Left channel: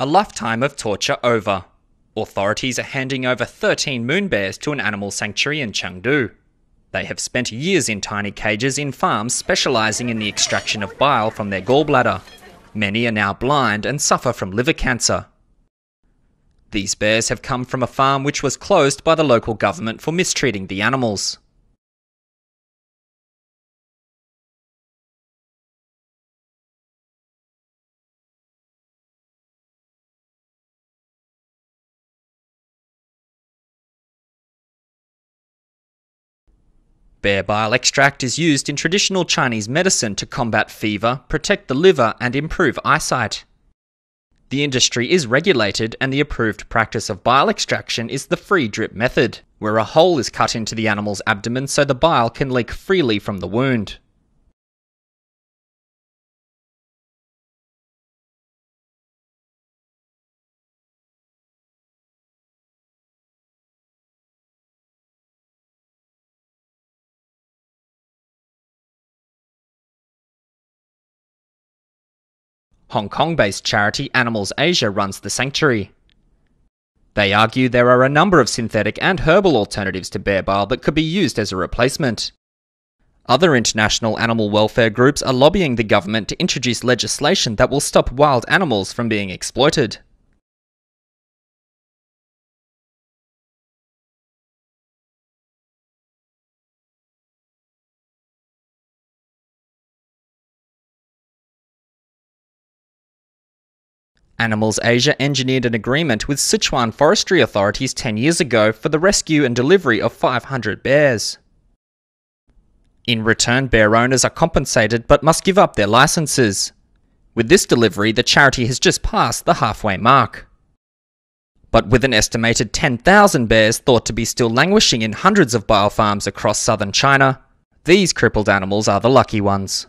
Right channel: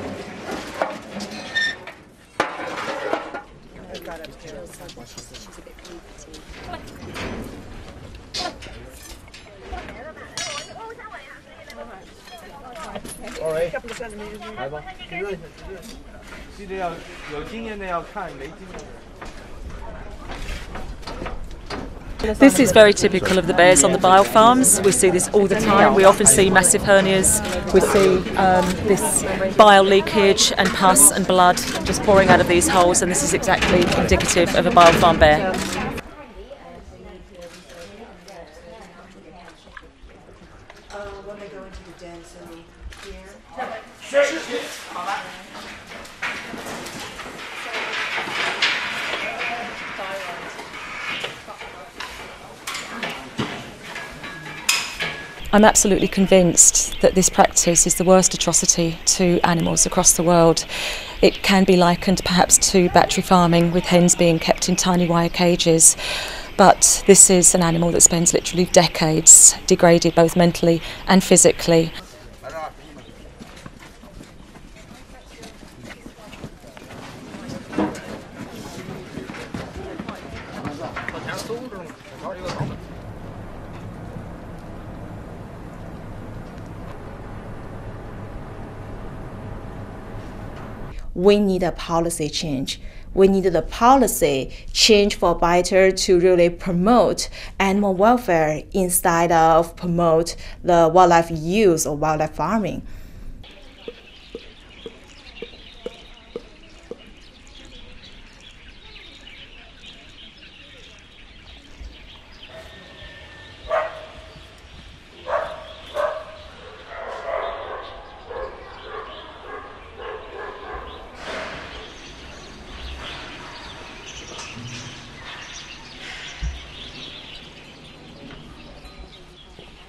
A lifetime of torture over. Authorities are handing over 13 moon bears to an animal sanctuary in Chengdu. They have spent years in tiny cages in farms specialising in the extraction of bile from their gallbladder. Many are now blind and suffer from liver cancer. These bears have come from a farm which was closed by the local government for mistreating the animals. This is very typical of the bears on the bile farms. We see this all the time. We often see massive hernias. We see this bile leakage and pus and blood just pouring out of these holes, and this is exactly indicative of a bile farm bear. Bear bile extract is used in traditional Chinese medicine to combat fever, protect the liver and improve eyesight. The industry is regulated, and the approved practice of bile extraction is the free drip method, where a hole is cut into the animal's abdomen so the bile can leak freely from the wound. I'm absolutely convinced that this practice is the worst atrocity to animals across the world. It can be likened perhaps to battery farming, with hens being kept in tiny wire cages. But this is an animal that spends literally decades degraded both mentally and physically. Hong Kong-based charity Animals Asia runs the sanctuary. They argue there are a number of synthetic and herbal alternatives to bear bile that could be used as a replacement. Other international animal welfare groups are lobbying the government to introduce legislation that will stop wild animals from being exploited. We need a policy change. We need the policy change for better to really promote animal welfare instead of promote the wildlife use or wildlife farming. Animals Asia engineered an agreement with Sichuan forestry authorities 10 years ago for the rescue and delivery of 500 bears. In return, bear owners are compensated but must give up their licenses. With this delivery, the charity has just passed the halfway mark. But with an estimated 10,000 bears thought to be still languishing in hundreds of bile farms across southern China, these crippled animals are the lucky ones.